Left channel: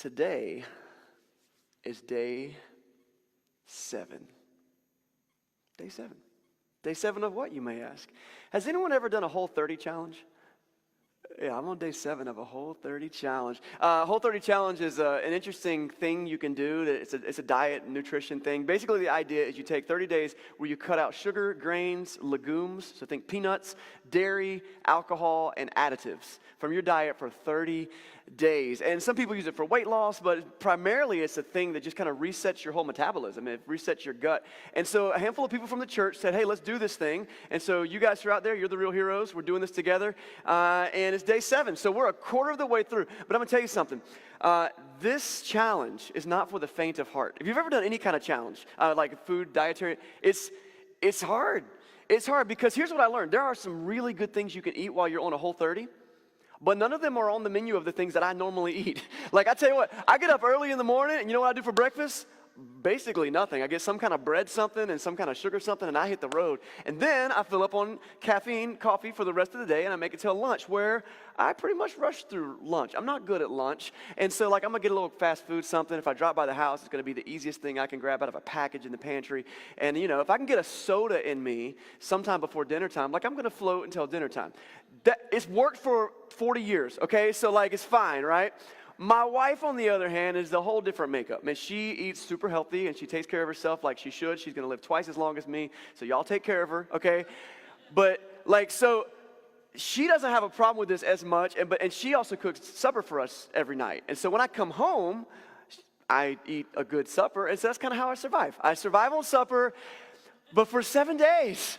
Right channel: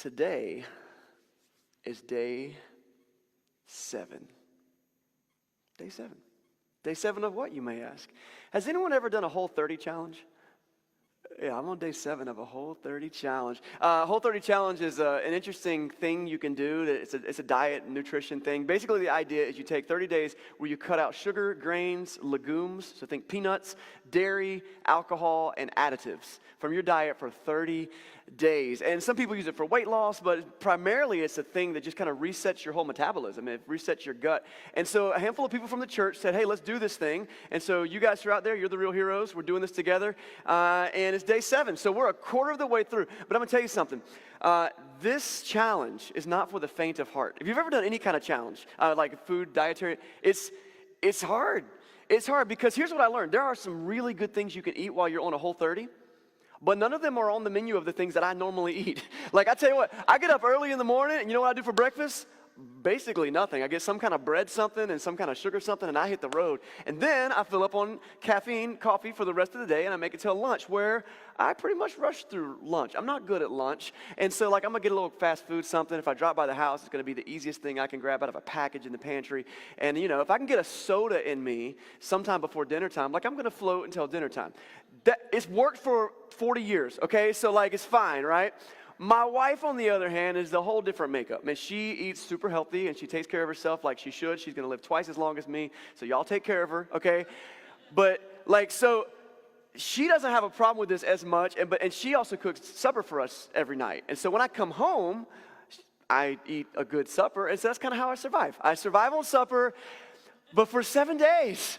Today is day 7. Day 7. Day 7 of what, you may ask? Has anyone ever done a Whole30 challenge? Yeah, I'm on day 7 of a Whole30 challenge. Whole30 challenge is an interesting thing you can do. It's a diet and nutrition thing. Basically, the idea is you take 30 days where you cut out sugar, grains, legumes, so think peanuts, dairy, alcohol, and additives from your diet for 30 days. And some people use it for weight loss, but primarily it's a thing that just kind of resets your whole metabolism. It resets your gut. And so a handful of people from the church said, hey, let's do this thing. And so you guys are out there. You're the real heroes. We're doing this together. And it's day 7. So we're a quarter of the way through. But I'm going to tell you something. This challenge is not for the faint of heart. If you've ever done any kind of challenge, like food, dietary, it's hard. It's hard because here's what I learned. There are some really good things you can eat while you're on a Whole30, but none of them are on the menu of the things that I normally eat. Like I tell you what, I get up early in the morning and you know what I do for breakfast? Basically nothing. I get some kind of bread something and some kind of sugar something and I hit the road. And then I fill up on caffeine, coffee for the rest of the day and I make it till lunch where I pretty much rush through lunch. I'm not good at lunch. And so like I'm going to get a little fast food something. If I drop by the house, it's going to be the easiest thing I can grab out of a package in the pantry. And you know, if I can get a soda in me sometime before dinner time, like I'm going to float until dinner time. It's worked for 40 years, okay? So like it's fine, right? My wife, on the other hand, is a whole different makeup. I mean, she eats super healthy, and she takes care of herself like she should. She's going to live twice as long as me, so y'all take care of her, okay? But, like, so she doesn't have a problem with this as much, and she also cooks supper for us every night. And so when I come home, I eat a good supper, and so that's kind of how I survive. I survive on supper, but for 7 days,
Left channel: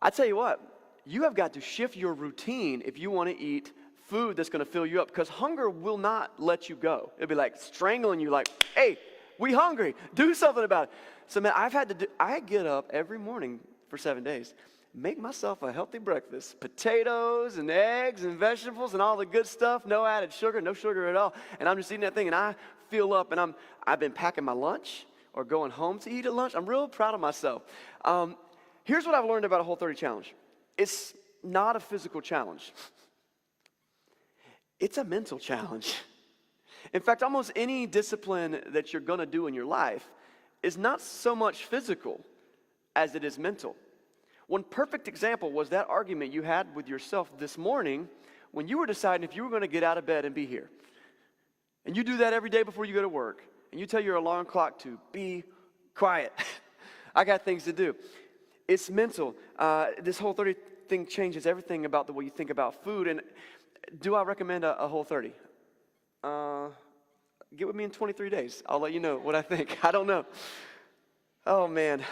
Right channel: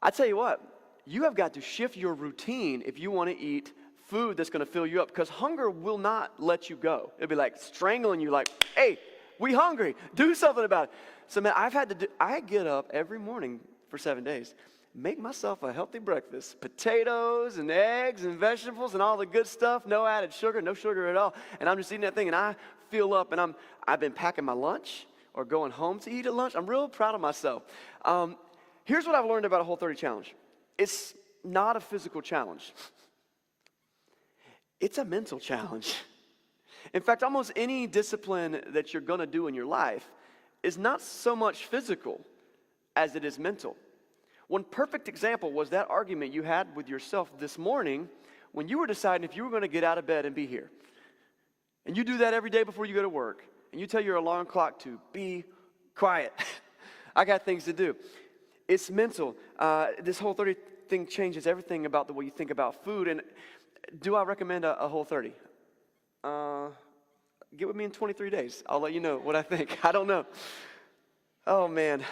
I tell you what, you have got to shift your routine if you want to eat food that's going to fill you up, because hunger will not let you go. It'll be like strangling you, like, hey, we hungry, do something about it. So man, I get up every morning for 7 days, make myself a healthy breakfast, potatoes and eggs and vegetables and all the good stuff, no added sugar, no sugar at all, and I'm just eating that thing and I fill up, and I've been packing my lunch or going home to eat at lunch. I'm real proud of myself. Here's what I've learned about a Whole30 challenge. It's not a physical challenge. It's a mental challenge. In fact, almost any discipline that you're going to do in your life is not so much physical as it is mental. One perfect example was that argument you had with yourself this morning when you were deciding if you were going to get out of bed and be here. And you do that every day before you go to work. And you tell your alarm clock to be quiet. I got things to do. It's mental. This Whole30 thing changes everything about the way you think about food. And do I recommend a Whole30? Get with me in 23 days. I'll let you know what I think. I don't know. Oh, man.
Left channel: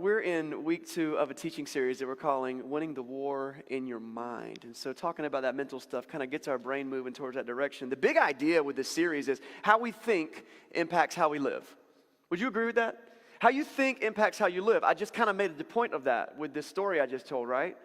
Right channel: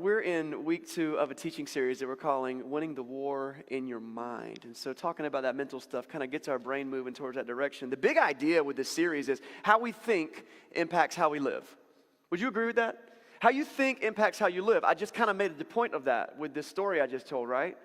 We're in week 2 of a teaching series that we're calling Winning the War in Your Mind. And so talking about that mental stuff kind of gets our brain moving towards that direction. The big idea with this series is how we think impacts how we live. Would you agree with that? How you think impacts how you live. I just kind of made the point of that with this story I just told, right?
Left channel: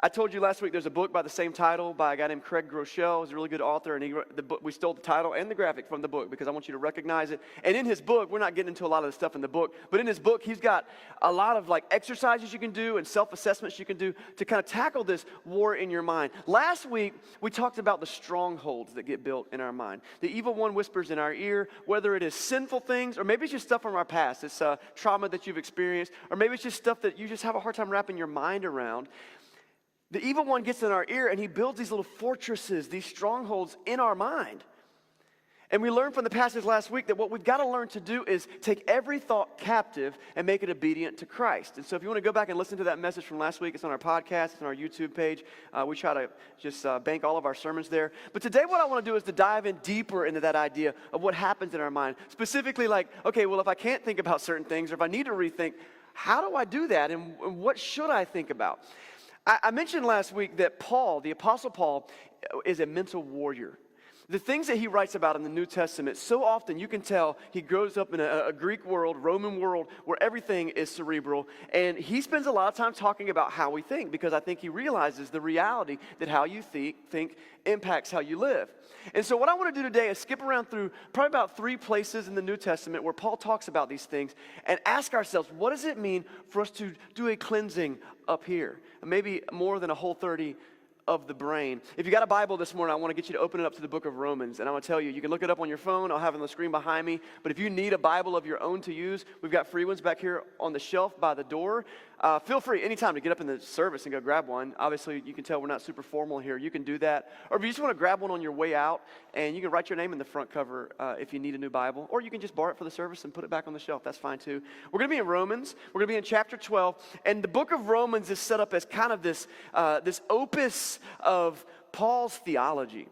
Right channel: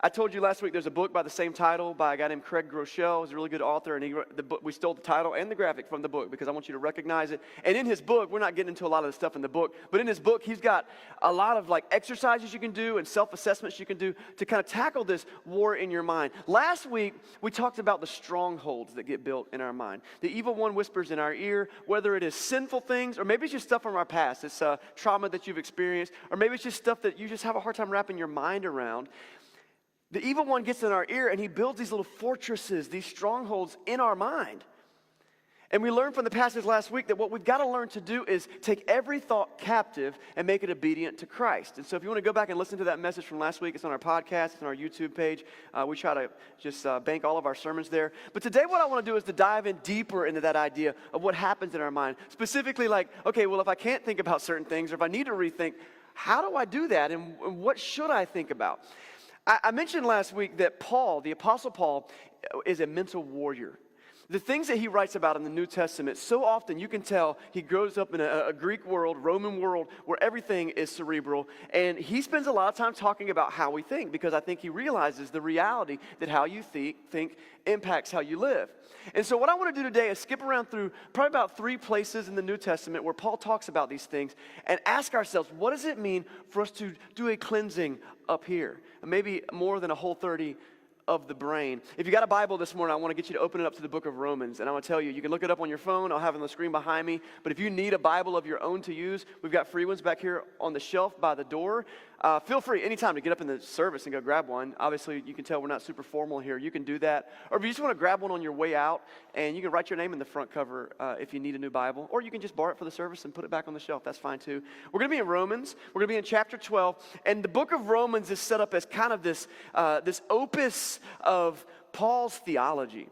I told you last week there's a book by the same title by a guy named Craig Groeschel. He's a really good author, and the book, we stole the title and the graphic from the book because I want you to recognize it. And in his book, we're not getting into a lot of the stuff in the book, but in his book, he's got a lot of like exercises you can do and self-assessments you can do to kind of tackle this war in your mind. Last week, we talked about the strongholds that get built in our mind. The evil one whispers in our ear, whether it is sinful things or maybe it's just stuff from our past. It's trauma that you've experienced, or maybe it's just stuff that you just have a hard time wrapping your mind around. The evil one gets in our ear and he builds these little fortresses, these strongholds in our mind. And we learned from the passage last week that what we've got to learn to do is take every thought captive and make it obedient to Christ. And so if you want to go back and listen to that message from last week, it's on our podcast, it's on our YouTube page. We try to just bank all of our sermons there. But today what I want to do is to dive in deeper into that idea of what happens in our mind. Specifically like, okay, well, if I can't think about certain things or if I need to rethink, how do I do that and what should I think about? I mentioned last week that Paul, the Apostle Paul, is a mental warrior. The things that he writes about in the New Testament, so often you can tell he grows up in a Greek world, Roman world, where everything is cerebral. And he spends a lot of time talking about how we think because I think he realizes the reality that how you think impacts how you live. And so what I want to do today is skip around through probably about 3 places in the New Testament where Paul talks about these things and ask ourselves, what does it mean for us to do a cleansing up here? Maybe more than a Whole30 of the brain. If you got a Bible this morning, I want to get you to open it up to the book of Romans. And I want to tell you, you can look it up on your phone. I'll have it on the screen behind me. But if you need a Bible of your own to use, we've got free ones back here on the shelf by the door. Feel free anytime to get up in the service and go grab one. Obviously, you can tell we're not super formal here. You can do that. Or if you just want to grab one on your way out, and you can write your name in the front cover if you need a new Bible. Or you can just borrow it for the service and put it back on the shelf. That's fine too. We're going to be in Romans. We're going to be in chapter 12. And the book of Romans is set up as kind of this opus of Paul's theology.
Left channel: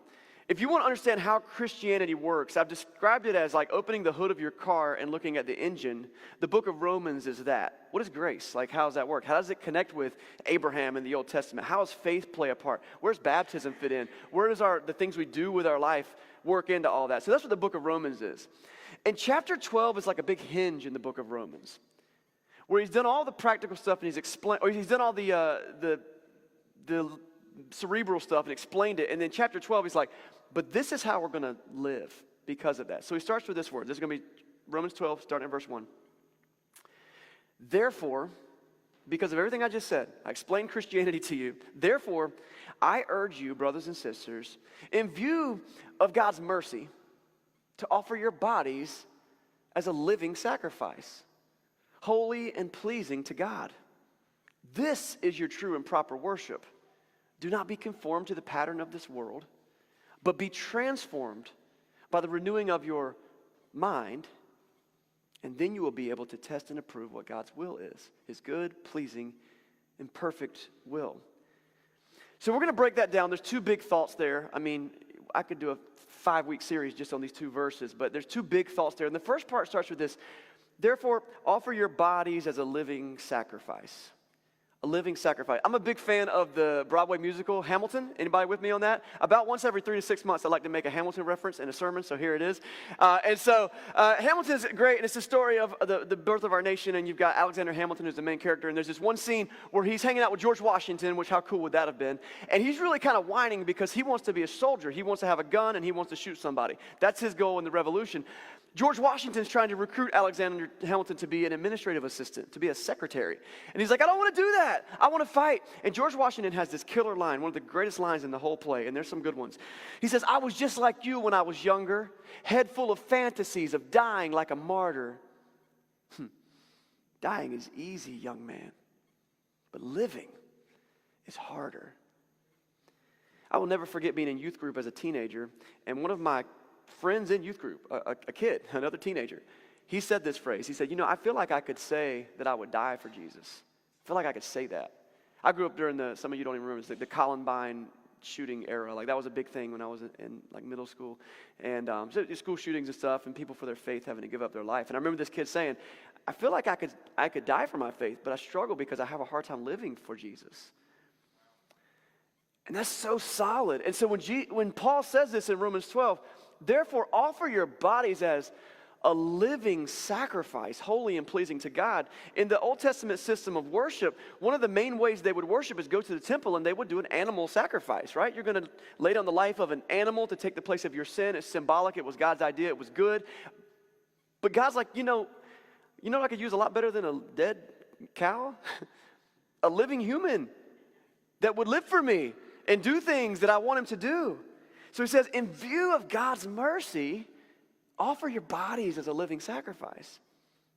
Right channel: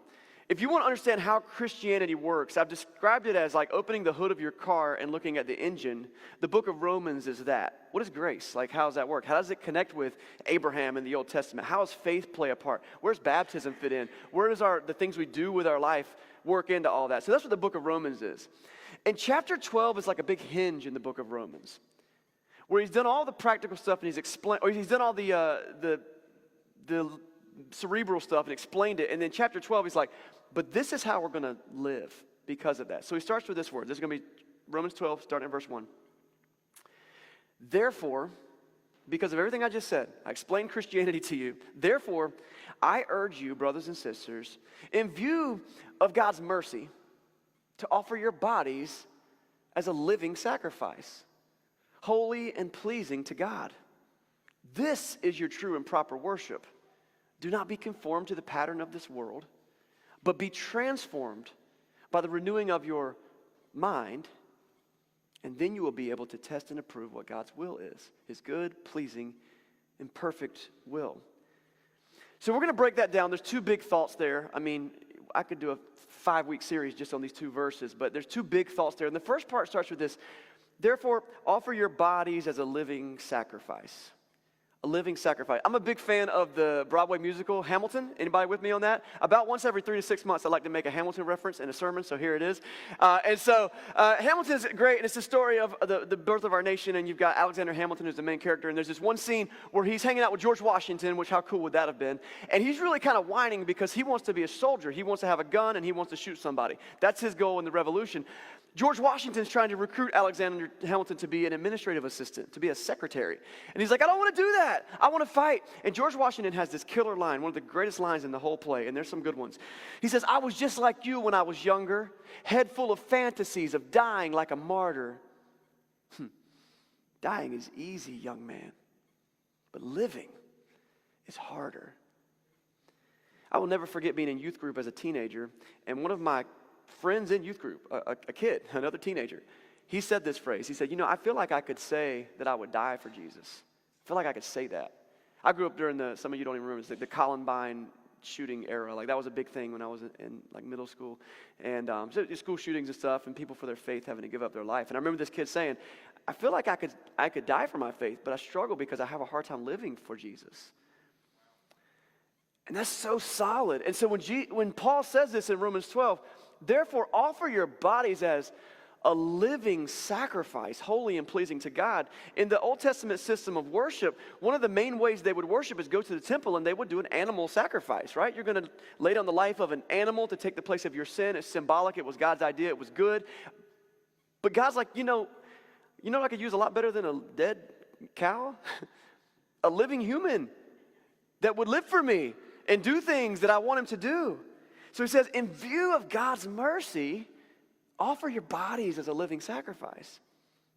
If you want to understand how Christianity works, I've described it as like opening the hood of your car and looking at the engine. The book of Romans is that. What is grace? Like, how does that work? How does it connect with Abraham in the Old Testament? How does faith play a part? Where does baptism fit in? Where does the things we do with our life work into all that? So that's what the book of Romans is. And chapter 12 is like a big hinge in the book of Romans, where he's done all the practical stuff and he's done all the cerebral stuff and explained it. And then chapter 12, he's like, but this is how we're going to live because of that. So he starts with this word. This is going to be Romans 12, starting in verse 1. Therefore, because of everything I just said, I explained Christianity to you. Therefore, I urge you, brothers and sisters, in view of God's mercy, to offer your bodies as a living sacrifice, holy and pleasing to God. This is your true and proper worship. Do not be conformed to the pattern of this world, but be transformed by the renewing of your mind, and then you will be able to test and approve what God's will is, his good, pleasing, and perfect will. So we're going to break that down. There's two big thoughts there. I mean, I could do a 5-week series just on these two verses, but there's two big thoughts there. And the first part starts with this: therefore, offer your bodies as a living sacrifice. A living sacrifice. I'm a big fan of the Broadway musical Hamilton. Anybody with me on that? About once every 3 to 6 months, I like to make a Hamilton reference in a sermon, so here it is. Hamilton's great, and it's the story of the birth of our nation, and you've got Alexander Hamilton who's the main character, and there's this one scene where he's hanging out with George Washington, which how cool would that have been? And he's really kind of whining because he wants to be a soldier. He wants to have a gun, and he wants to shoot somebody. That's his goal in the revolution. George Washington's trying to recruit Alexander Hamilton to be an administrative assistant, to be a secretary. And he's like, I don't want to do that. I want to fight. And George Washington has this killer line, one of the greatest lines in the whole play, and there's some good ones. He says, I was just like you when I was younger, head full of fantasies of dying like a martyr. Dying is easy, young man, but living is harder. I will never forget being in youth group as a teenager, and one of my friends in youth group, a kid, another teenager, he said this phrase. He said, I feel like I could say that I would die for Jesus. I feel like I could say that. I grew up during some of you don't even remember, it's the Columbine shooting era. Like, that was a big thing when I was in like middle school. And so school shootings and stuff, and people for their faith having to give up their life. And I remember this kid saying, I feel like I could die for my faith, but I struggle because I have a hard time living for Jesus. And that's so solid. And so when Paul says this in Romans 12, therefore, offer your bodies as a living sacrifice, holy and pleasing to God. In the Old Testament system of worship, one of the main ways they would worship is go to the temple and they would do an animal sacrifice, right? You're going to lay down the life of an animal to take the place of your sin. It's symbolic. It was God's idea. It was good. But God's like, I could use a lot better than a dead cow? A living human that would live for me and do things that I want him to do. So he says, in view of God's mercy, offer your bodies as a living sacrifice.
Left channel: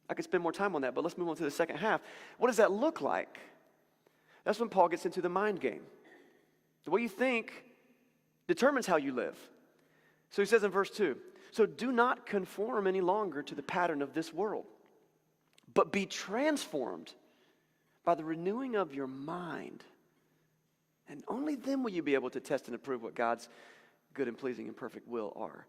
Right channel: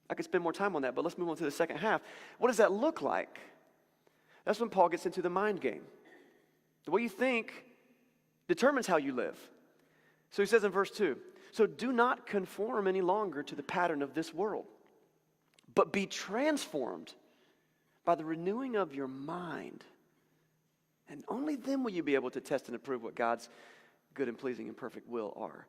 I could spend more time on that, but let's move on to the second half. What does that look like? That's when Paul gets into the mind game. The way you think determines how you live. So he says in verse 2, so do not conform any longer to the pattern of this world, but be transformed by the renewing of your mind. And only then will you be able to test and approve what God's good and pleasing and perfect will are.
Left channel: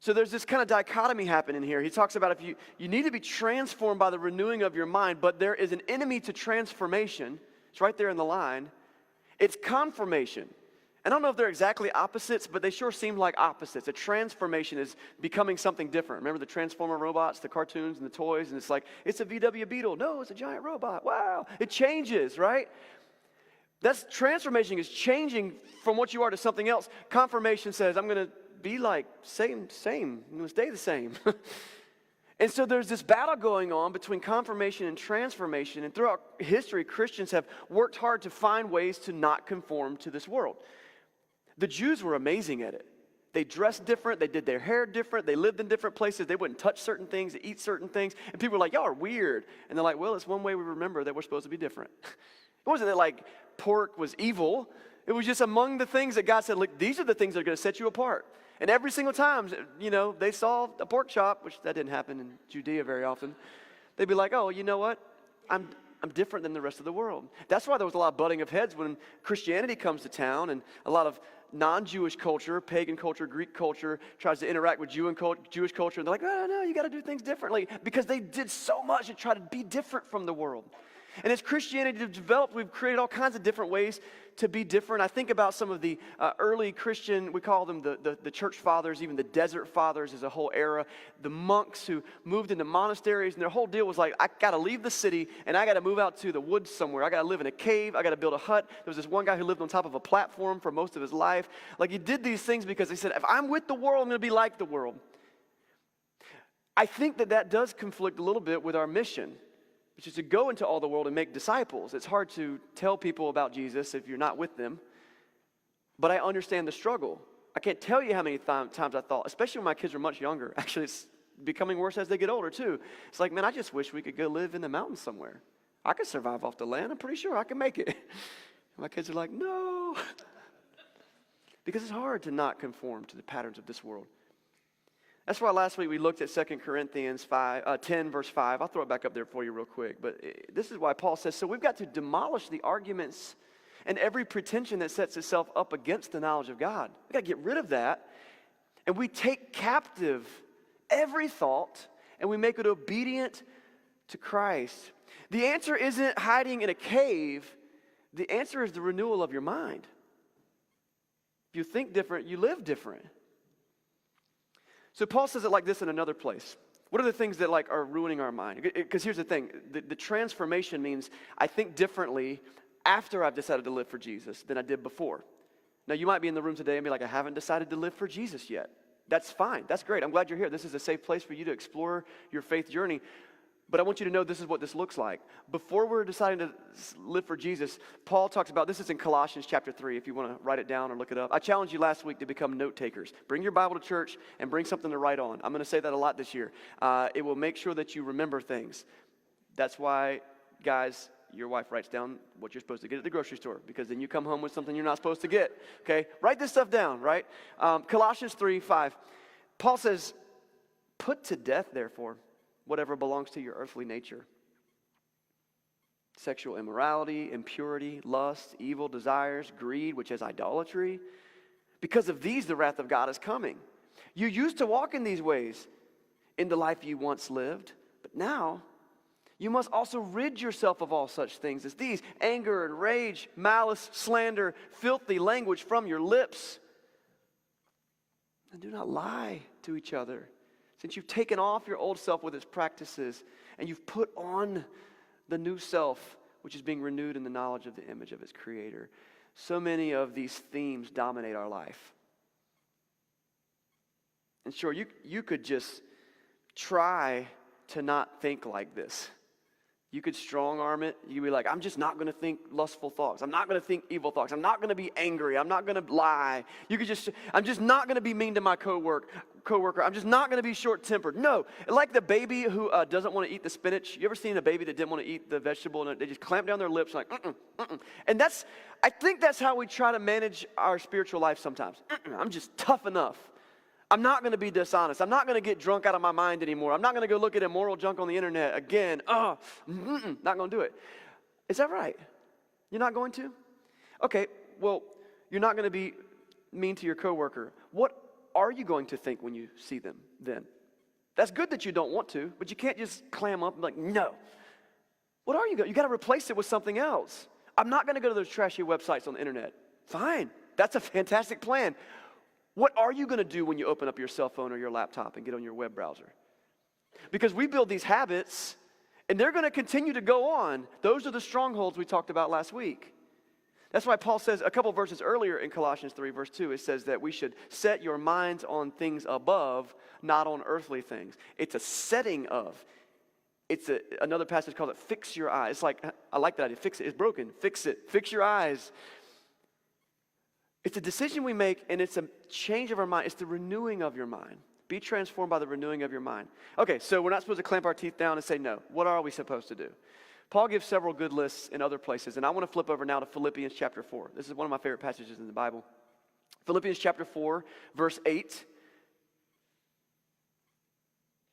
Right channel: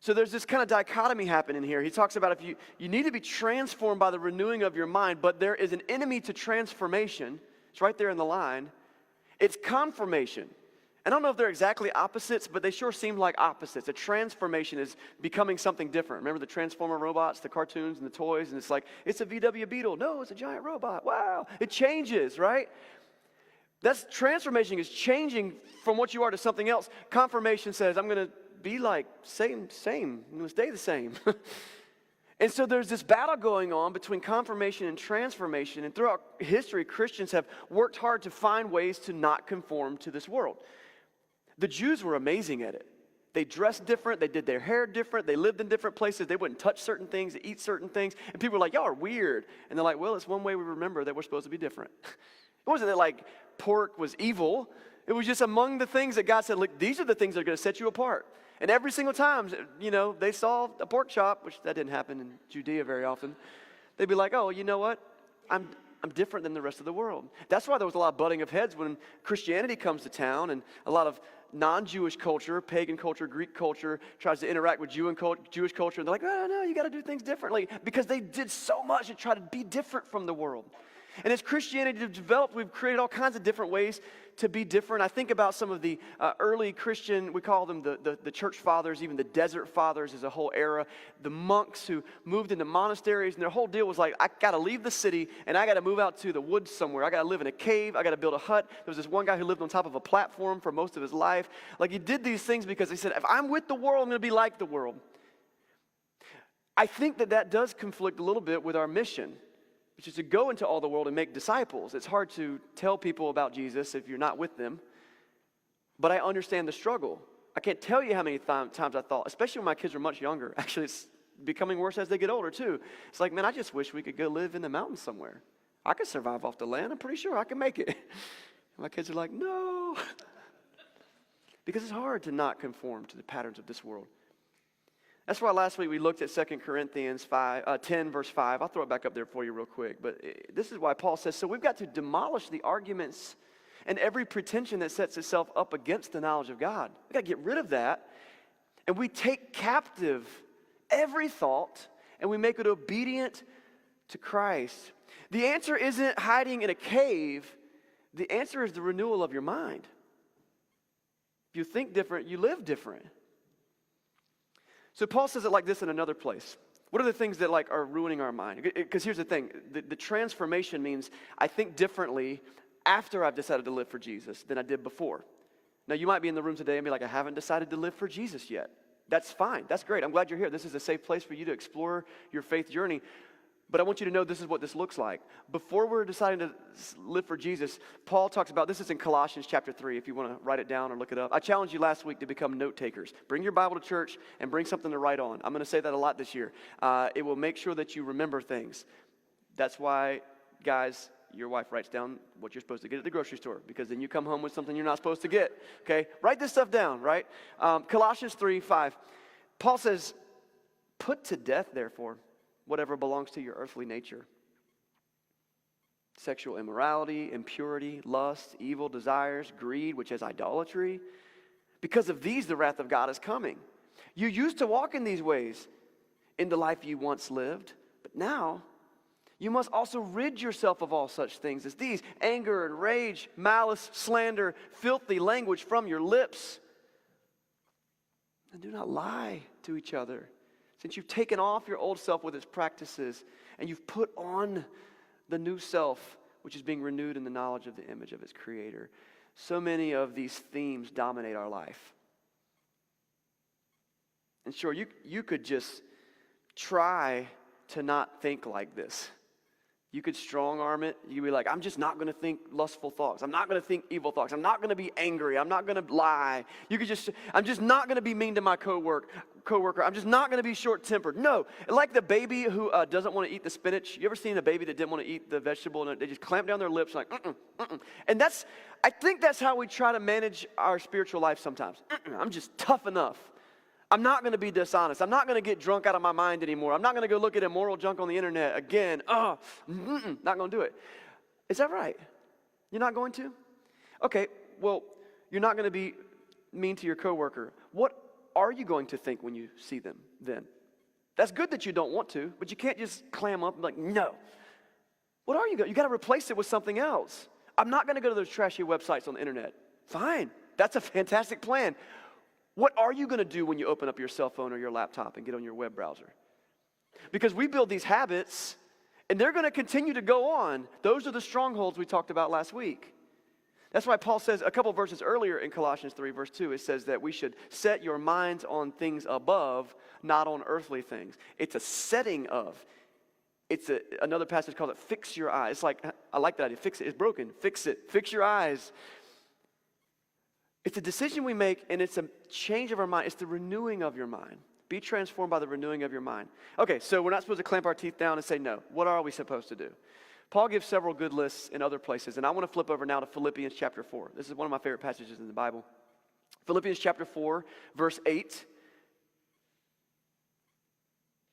So there's this kind of dichotomy happening here. He talks about if you need to be transformed by the renewing of your mind, but there is an enemy to transformation. It's right there in the line. It's confirmation. And I don't know if they're exactly opposites, but they sure seem like opposites. A transformation is becoming something different. Remember the Transformer robots, the cartoons and the toys, and it's like, it's a VW Beetle. No, it's a giant robot. Wow. It changes, right? That's transformation is changing from what you are to something else. Confirmation says, I'm going to be like same. I'm going to stay the same. And so there's this battle going on between confirmation and transformation. And throughout history, Christians have worked hard to find ways to not conform to this world. The Jews were amazing at it. They dressed different. They did their hair different. They lived in different places. They wouldn't touch certain things, eat certain things. And people were like, y'all are weird. And they're like, well, it's one way we remember that we're supposed to be different. It wasn't that like pork was evil. It was just among the things that God said, look, these are the things that are going to set you apart. And every single time, they saw a pork chop, which that didn't happen in Judea very often, they'd be like, oh, you know what? I'm different than the rest of the world. That's why there was a lot of butting of heads when Christianity comes to town, and a lot of non-Jewish culture, pagan culture, Greek culture tries to interact with Jewish culture. And they're like, oh, no, you got to do things differently, because they did so much to try to be different from the world. And as Christianity developed, we've created all kinds of different ways to be different. I think about some of the early Christian, we call them the church fathers, even the desert fathers as a whole era, the monks who moved into monasteries, and their whole deal was like, I got to leave the city, and I got to move out to the woods somewhere. I got to live in a cave. I got to build a hut. There was this one guy who lived on top of a platform for most of his life. Like, he did these things because he said, if I'm with the world, I'm going to be like the world. I think that does conflict a little bit with our mission, which is to go into all the world and make disciples. It's hard to tell people about Jesus if you're not with them. But I understand the struggle. I can't tell you how many times I thought, especially when my kids were much younger. Actually, it's becoming worse as they get older, too. It's like, man, I just wish we could go live in the mountains somewhere. I could survive off the land. I'm pretty sure I can make it. My kids are like, no. Because it's hard to not conform to the patterns of this world. That's why last week we looked at 2 Corinthians 10, verse 5. I'll throw it back up there for you real quick. But this is why Paul says, so we've got to demolish the arguments and every pretension that sets itself up against the knowledge of God. We've got to get rid of that. And we take captive every thought and we make it obedient to Christ. The answer isn't hiding in a cave. The answer is the renewal of your mind. If you think different, you live different. So Paul says it like this in another place. What are the things that are ruining our mind? Because here's the thing. The transformation means I think differently after I've decided to live for Jesus than I did before. Now, you might be in the room today and be like, I haven't decided to live for Jesus yet. That's fine. That's great. I'm glad you're here. This is a safe place for you to explore your faith journey. But I want you to know this is what this looks like. Before we're deciding to live for Jesus, Paul talks about, this is in Colossians chapter 3, if you want to write it down or look it up. I challenged you last week to become note takers. Bring your Bible to church and bring something to write on. I'm going to say that a lot this year. It will make sure that you remember things. That's why, guys, your wife writes down what you're supposed to get at the grocery store, because then you come home with something you're not supposed to get. Okay? Write this stuff down, right? Colossians 3:5. Paul says, put to death, therefore, whatever belongs to your earthly nature. Sexual immorality, impurity, lust, evil desires, greed, which is idolatry. Because of these, the wrath of God is coming. You used to walk in these ways in the life you once lived, but now you must also rid yourself of all such things as these: anger and rage, malice, slander, filthy language from your lips. And do not lie to each other, since you've taken off your old self with its practices, and you've put on the new self, which is being renewed in the knowledge of the image of its creator. So many of these themes dominate our life. And sure, you could just try to not think like this. You could strong arm it. You could be like, I'm just not going to think lustful thoughts. I'm not going to think evil thoughts. I'm not going to be angry. I'm not going to lie. I'm just not going to be mean to my coworker. I'm just not going to be short-tempered. No, like the baby who doesn't want to eat the spinach. You ever seen a baby that didn't want to eat the vegetable and they just clamp down their lips like, And I think that's how we try to manage our spiritual life sometimes. I'm just tough enough. I'm not going to be dishonest. I'm not going to get drunk out of my mind anymore. I'm not going to go look at immoral junk on the internet again. Not going to do it. Is that right? You're not going to? Okay, well, you're not going to be mean to your coworker. What are you going to think when you see them then? That's good that you don't want to, but you can't just clam up and be like, no. What are you going to? You got to replace it with something else. I'm not going to go to those trashy websites on the internet. Fine. That's a fantastic plan. What are you going to do when you open up your cell phone or your laptop and get on your web browser? Because we build these habits, and they're going to continue to go on. Those are the strongholds we talked about last week. That's why Paul says a couple verses earlier in Colossians 3, verse 2, it says that we should set your minds on things above, not on earthly things. It's a setting of. Another passage called it fix your eyes. It's like, I like that idea. Fix it. It's broken. Fix it. Fix your eyes. It's a decision we make, and it's a change of our mind. It's the renewing of your mind. Be transformed by the renewing of your mind. Okay, so we're not supposed to clamp our teeth down and say no. What are we supposed to do? Paul gives several good lists in other places, and I want to flip over now to Philippians chapter 4. This is one of my favorite passages in the Bible. Philippians chapter 4, verse 8.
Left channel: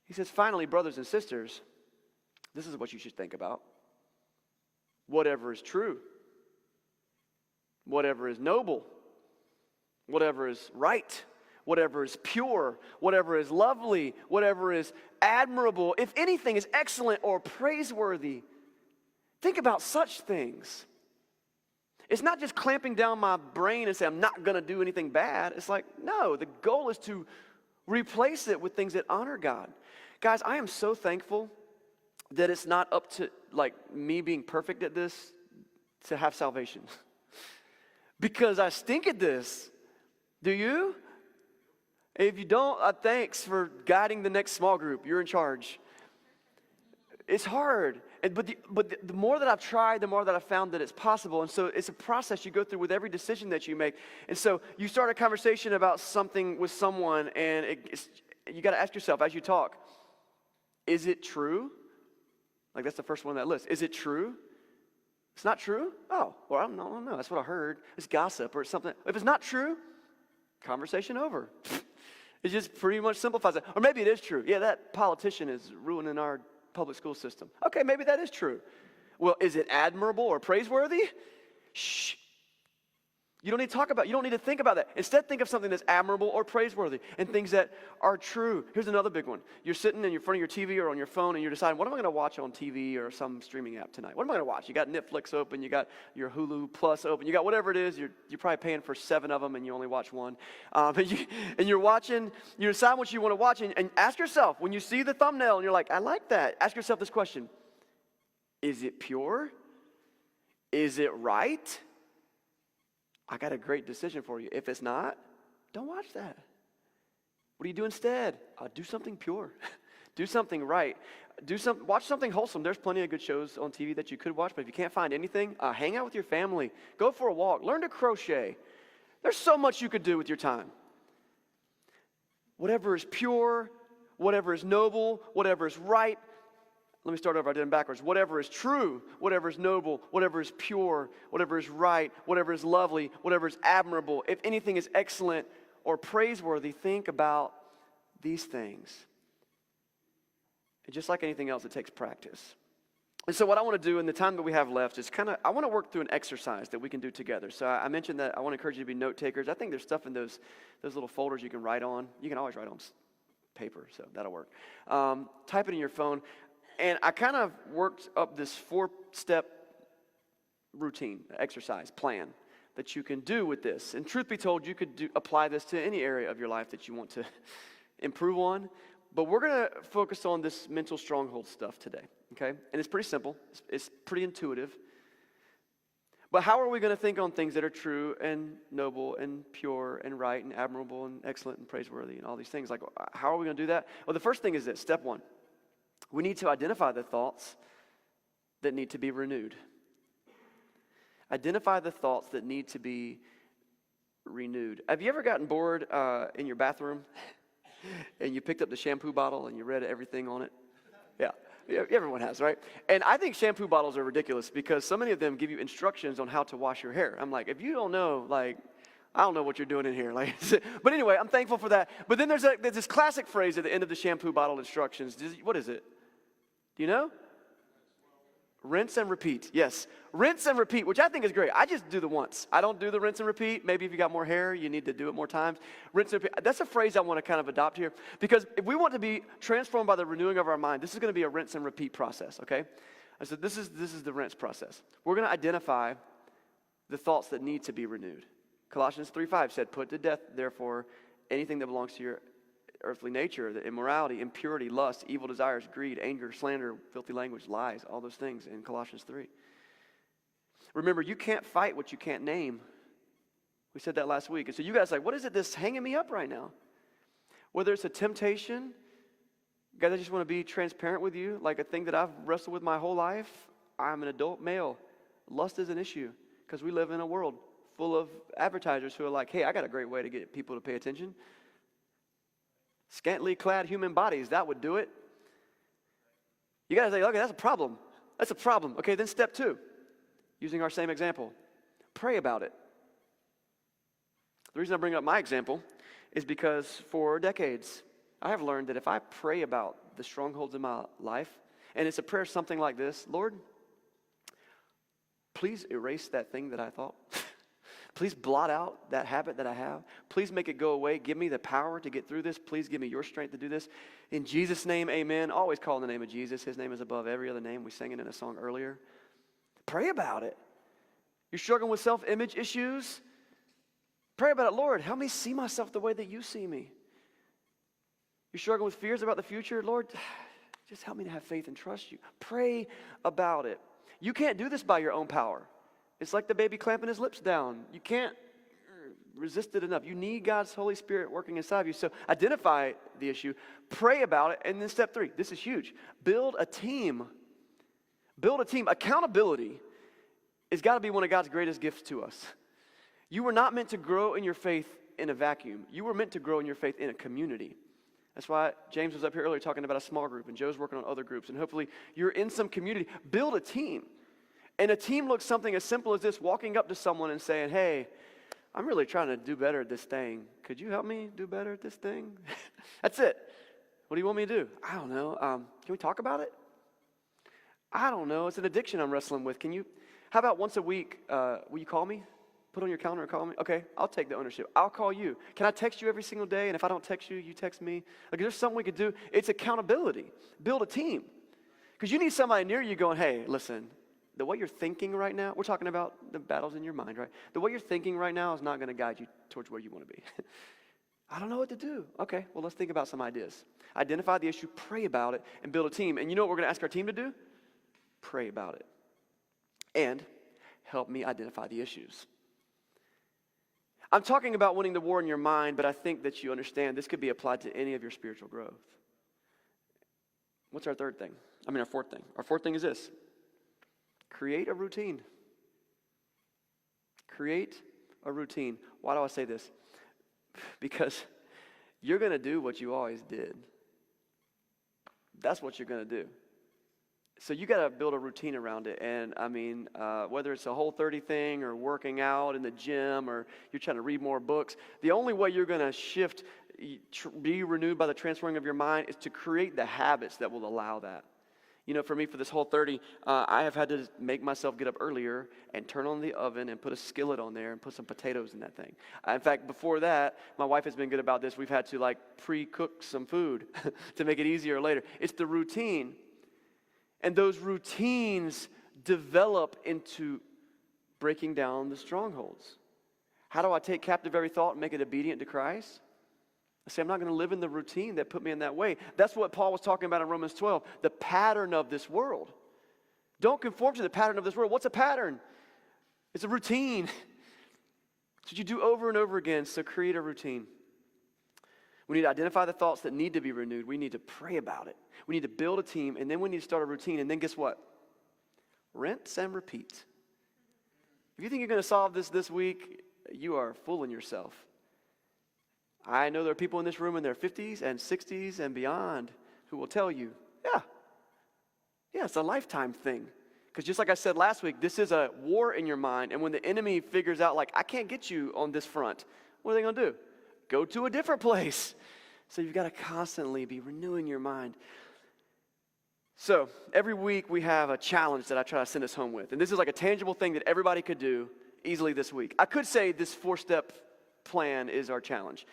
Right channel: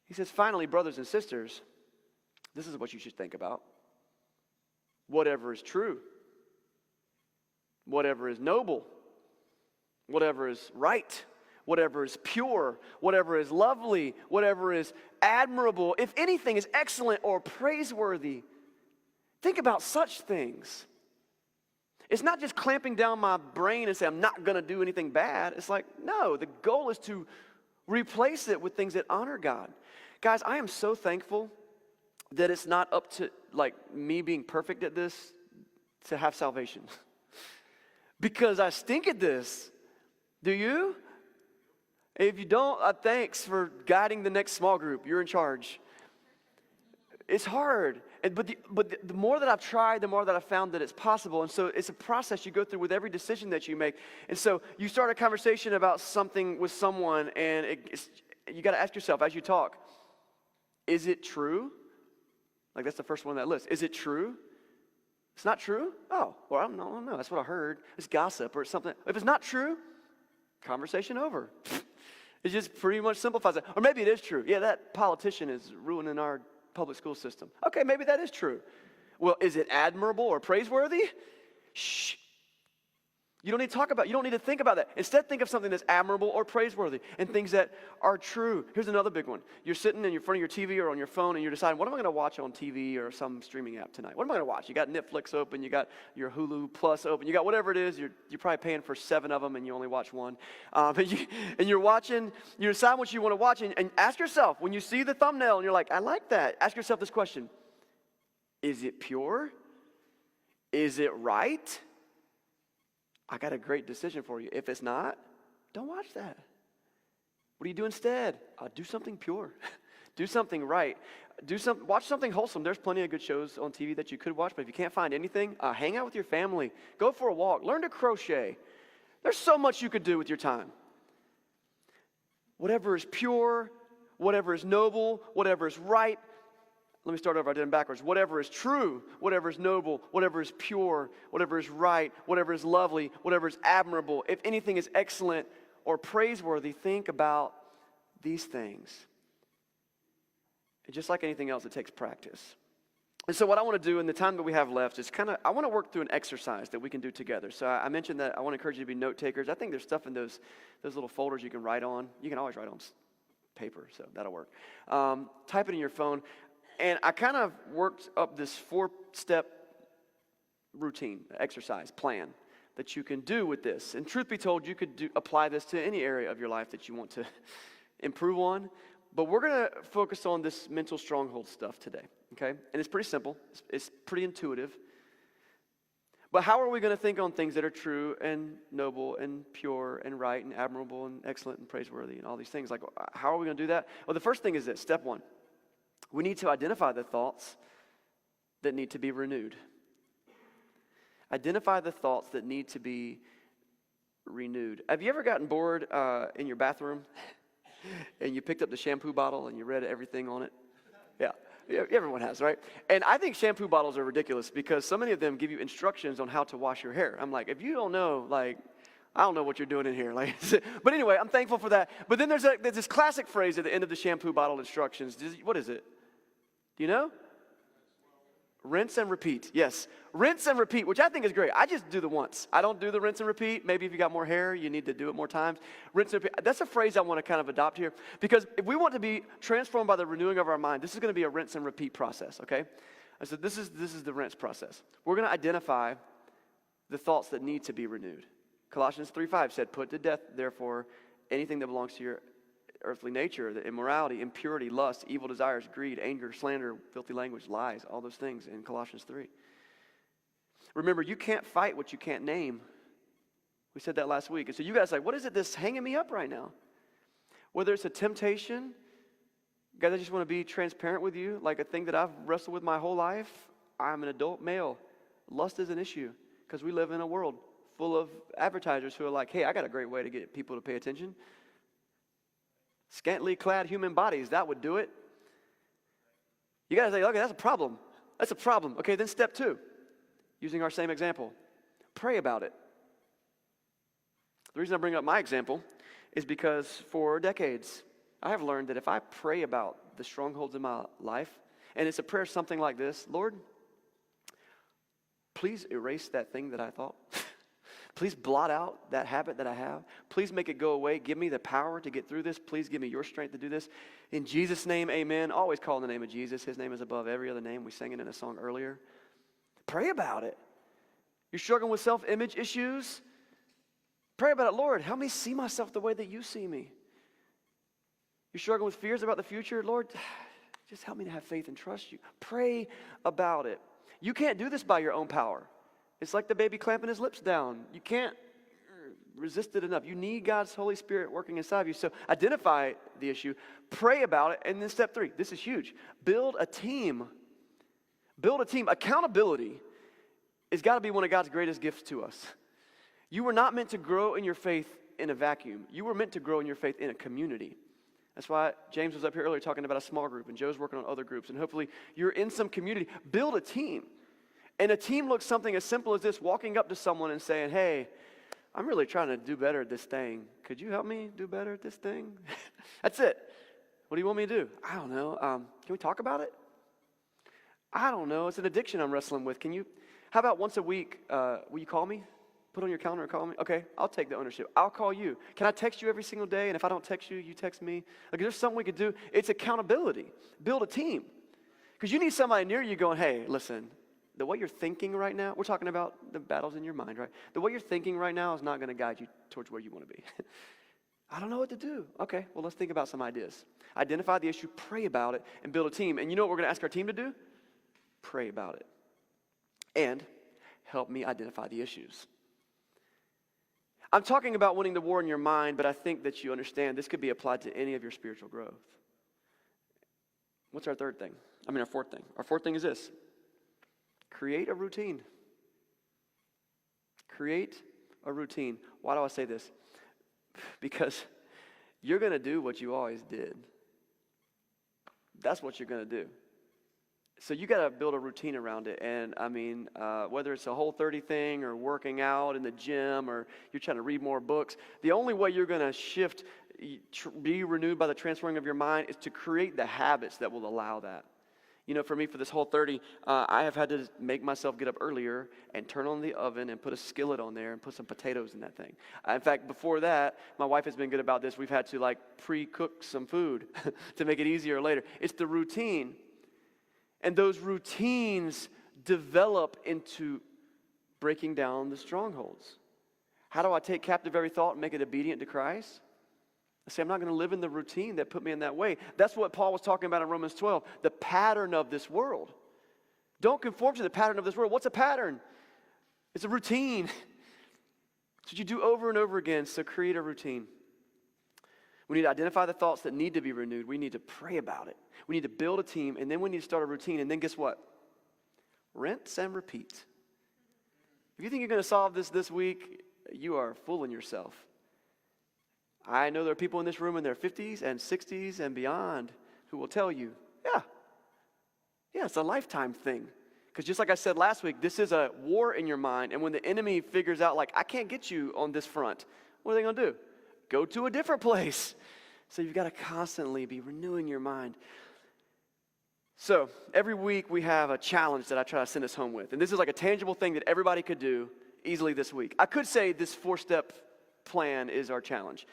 He says, finally, brothers and sisters, this is what you should think about. Whatever is true, whatever is noble, whatever is right, whatever is pure, whatever is lovely, whatever is admirable, if anything is excellent or praiseworthy, think about such things. It's not just clamping down my brain and say, I'm not going to do anything bad. It's like, no, the goal is to replace it with things that honor God. Guys, I am so thankful that it's not up to like me being perfect at this to have salvation. Because I stink at this. Do you? And if you don't, thanks for guiding the next small group. You're in charge. It's hard. But the more that I've tried, the more that I've found that it's possible. And so it's a process you go through with every decision that you make. And so you start a conversation about something with someone, and you got to ask yourself as you talk, is it true? Like that's the first one on that list. Is it true? It's not true? Oh, well, I don't know. That's what I heard. It's gossip or something. If it's not true, conversation over. It just pretty much simplifies it. Or maybe it is true. Yeah, that politician is ruining our public school system. Okay, maybe that is true. Well, is it admirable or praiseworthy? Shh. You don't need to talk about it. You don't need to think about that. Instead, think of something that's admirable or praiseworthy and things that are true. Here's another big one. You're sitting in front of your TV or on your phone and you're deciding, what am I going to watch on TV or some streaming app tonight? What am I going to watch? You got Netflix open. You got your Hulu Plus open. You got whatever it is. You're probably paying for 7 of them and you only watch one. You're watching. You decide what you want to watch and ask yourself, when you see the thumbnail and you're like, I like that. Ask yourself this question. Is it pure? Is it right? I got a great decision for you. If it's not, don't watch that. What do you do instead? Do something pure. Do something right. Watch something wholesome. There's plenty of good shows on TV that you could watch, but if you can't find anything, hang out with your family. Go for a walk. Learn to crochet. There's so much you could do with your time. Whatever is pure, whatever is noble, whatever is right. Let me start over. I did them backwards. Whatever is true, whatever is noble, whatever is pure, whatever is right, whatever is lovely, whatever is admirable, if anything is excellent or praiseworthy, think about these things. And just like anything else, it takes practice. And so what I want to do in the time that we have left is I want to work through an exercise that we can do together. So I mentioned that I want to encourage you to be note takers. I think there's stuff in those little folders you can write on. You can always write on paper, so that'll work. Type it in your phone. And I kind of worked up this 4-step routine, exercise, plan that you can do with this. And truth be told, you could apply this to any area of your life that you want to improve on. But we're going to focus on this mental stronghold stuff today, okay? And it's pretty simple. It's pretty intuitive. But how are we going to think on things that are true and noble and pure and right and admirable and excellent and praiseworthy and all these things? Like, how are we going to do that? Well, the first thing is this, step 1. We need to identify the thoughts that need to be renewed. Identify the thoughts that need to be renewed. Have you ever gotten bored in your bathroom and you picked up the shampoo bottle and you read everything on it? Yeah, everyone has, right? And I think shampoo bottles are ridiculous because so many of them give you instructions on how to wash your hair. I'm like, if you don't know, I don't know what you're doing in here. But anyway, I'm thankful for that. But then there's this classic phrase at the end of the shampoo bottle instructions. What is it? Do you know? Rinse and repeat. Yes. Rinse and repeat, which I think is great. I just do the once. I don't do the rinse and repeat. Maybe if you got more hair, you need to do it more times. Rinse and repeat. That's a phrase I want to kind of adopt here. Because if we want to be transformed by the renewing of our mind, this is going to be a rinse and repeat process, okay? I said this is the rinse process. We're going to identify the thoughts that need to be renewed. Colossians 3:5 said, put to death, therefore, anything that belongs to your earthly nature, the immorality, impurity, lust, evil desires, greed, anger, slander, filthy language, lies, all those things in Colossians 3. Remember, you can't fight what you can't name. We said that last week. And so you guys are like, what is it that's hanging me up right now? Whether it's a temptation, guys, I just want to be transparent with you. Like a thing that I've wrestled with my whole life. I'm an adult male. Lust is an issue because we live in a world full of advertisers who are like, hey, I got a great way to get people to pay attention. Scantily clad human bodies, that would do it. You guys say, okay, that's a problem. That's a problem. Okay, then step 2, using our same example, pray about it. The reason I bring up my example is because for decades, I have learned that if I pray about the strongholds in my life, and it's a prayer something like this, Lord, please erase that thing that I thought. Please blot out that habit that I have. Please make it go away. Give me the power to get through this. Please give me your strength to do this. In Jesus' name, amen. Always call in the name of Jesus. His name is above every other name. We sang it in a song earlier. Pray about it. You're struggling with self-image issues? Pray about it. Lord, help me see myself the way that you see me. You're struggling with fears about the future? Lord, just help me to have faith and trust you. Pray about it. You can't do this by your own power. It's like the baby clamping his lips down. You can't resist it enough. You need God's Holy Spirit working inside of you. So identify the issue, pray about it, and then step 3, this is huge. Build a team. Build a team. Accountability has got to be one of God's greatest gifts to us. You were not meant to grow in your faith in a vacuum. You were meant to grow in your faith in a community. That's why James was up here earlier talking about a small group, and Joe's working on other groups, and hopefully you're in some community. Build a team. And a team looks something as simple as this, walking up to someone and saying, hey, I'm really trying to do better at this thing. Could you help me do better at this thing? That's it. What do you want me to do? I don't know. Can we talk about it? I don't know. It's an addiction I'm wrestling with. How about once a week, will you call me? Put on your calendar and call me? Okay, I'll take the ownership. I'll call you. Can I text you every single day? And if I don't text you, you text me? Like, there's something we could do. It's accountability. Build a team. Because you need somebody near you going, hey, listen, the way you're thinking right now, we're talking about the battles in your mind, right? The way you're thinking right now is not going to guide you towards where you want to be. I don't know what to do. Okay, well, let's think about some ideas. Identify the issue, pray about it, and build a team. And you know what we're going to ask our team to do? Pray about it. And help me identify the issues. I'm talking about winning the war in your mind, but I think that you understand this could be applied to any of your spiritual growth. What's our fourth thing? Our fourth thing is this. Create a routine. Create a routine. Why do I say this? Because you're going to do what you always did. That's what you're going to do. So you got to build a routine around it. And whether it's a Whole30 thing or working out in the gym or you're trying to read more books, the only way you're going to shift, be renewed by the transforming of your mind is to create the habits that will allow that. You know, for me, for this Whole30, I have had to make myself get up earlier and turn on the oven and put a skillet on there and put some potatoes in that thing. In fact, before that, my wife has been good about this. We've had to pre-cook some food to make it easier later. It's the routine. And those routines develop into breaking down the strongholds. How do I take captive every thought and make it obedient to Christ? I say, I'm not going to live in the routine that put me in that way. That's what Paul was talking about in Romans 12, the pattern of this world. Don't conform to the pattern of this world. What's a pattern? It's a routine. It's what you do over and over again, so create a routine. We need to identify the thoughts that need to be renewed. We need to pray about it. We need to build a team, and then we need to start a routine. And then guess what? Rinse and repeat. If you think you're going to solve this week, you are fooling yourself. I know there are people in this room in their 50s and 60s and beyond who will tell you, yeah, it's a lifetime thing. Because just like I said last week, this is a war in your mind. And when the enemy figures out, I can't get you on this front, what are they going to do? Go to a different place. So you've got to constantly be renewing your mind. So every week we have a challenge that I try to send us home with. And this is like a tangible thing that everybody could do easily this week. I could say this 4-step plan is our challenge.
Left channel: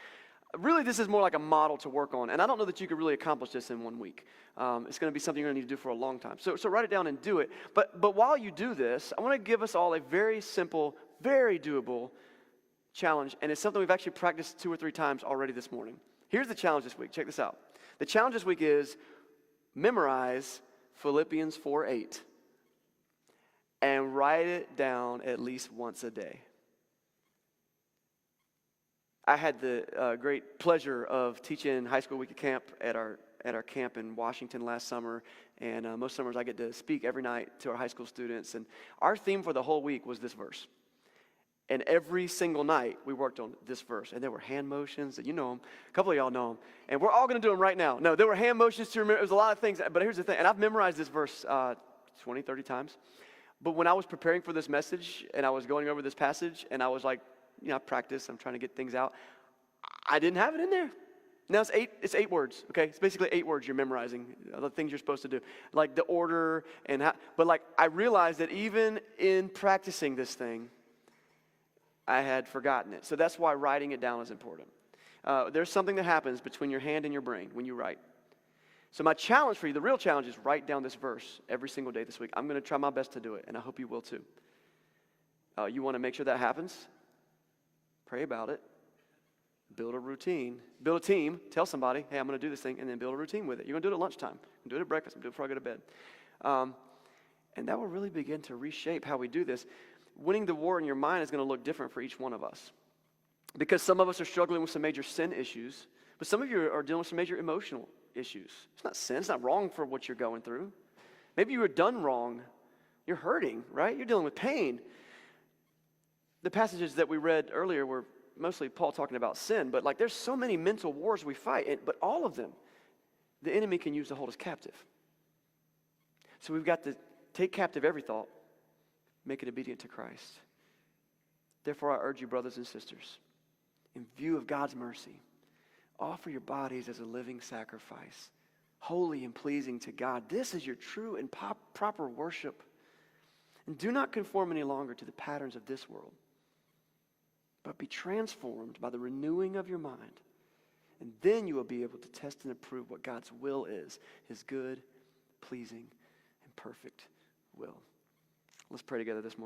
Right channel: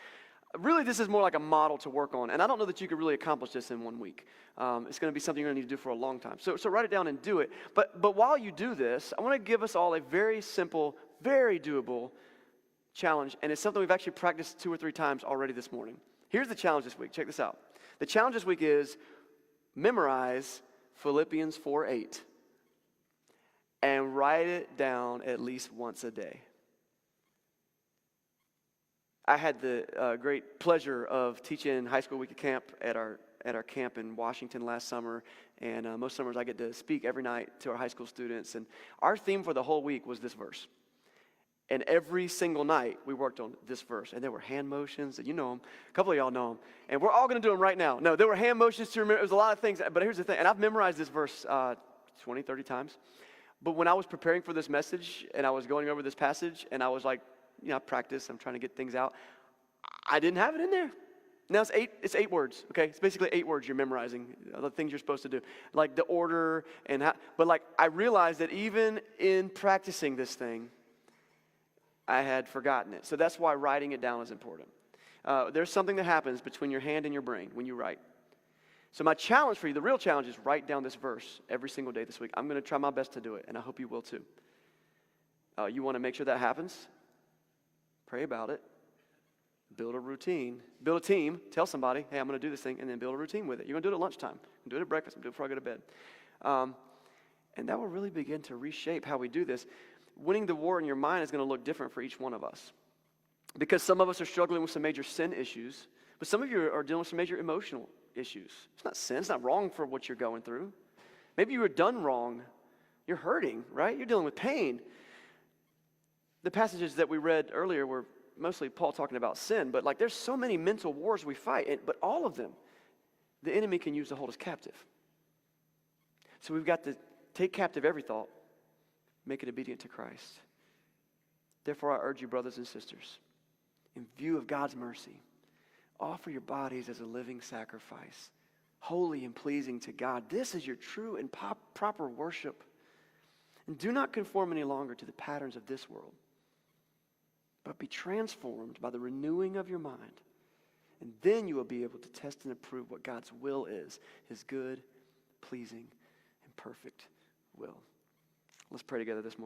Really, this is more like a model to work on. And I don't know that you could really accomplish this in 1 week. It's going to be something you're going to need to do for a long time. So write it down and do it. But while you do this, I want to give us all a very simple, very doable challenge. And it's something we've actually practiced 2 or 3 times already this morning. Here's the challenge this week. Check this out. The challenge this week is memorize Philippians 4:8. and write it down at least once a day. I had the great pleasure of teaching high school week of camp at our camp in Washington last summer, and most summers I get to speak every night to our high school students, and our theme for the whole week was this verse. And every single night we worked on this verse, and there were hand motions, and you know them. A couple of y'all know them, and we're all going to do them right now. No, there were hand motions to remember. It was a lot of things, but here's the thing, and I've memorized this verse 20, 30 times. But when I was preparing for this message, and I was going over this passage, and I was like, I practice, I'm trying to get things out, I didn't have it in there. Now it's eight words, okay? It's basically 8 words you're memorizing, the things you're supposed to do. Like the order, but like I realized that even in practicing this thing, I had forgotten it. So that's why writing it down is important. There's something that happens between your hand and your brain when you write. So my challenge for you, the real challenge, is write down this verse every single day this week. I'm going to try my best to do it, and I hope you will too. You want to make sure that happens? Pray about it. Build a routine. Build a team. Tell somebody, hey, I'm going to do this thing, and then build a routine with it. You're going to do it at lunchtime. Do it at breakfast. Do it before I go to bed. And that will really begin to reshape how we do this. Winning the war in your mind is going to look different for each one of us. Because some of us are struggling with some major sin issues, but some of you are dealing with some major emotional issues. It's not sin. It's not wrong for what you're going through. Maybe you were done wrong. You're hurting, right? You're dealing with pain. The passages that we read earlier were mostly Paul talking about sin, but like there's so many mental wars we fight, but all of them, the enemy can use to hold us captive. So we've got to take captive every thought, make it obedient to Christ. Therefore, I urge you, brothers and sisters, in view of God's mercy, offer your bodies as a living sacrifice, holy and pleasing to God. This is your true and proper worship. And do not conform any longer to the patterns of this world, but be transformed by the renewing of your mind. And then you will be able to test and approve what God's will is, his good, pleasing, and perfect will. Let's pray together this morning.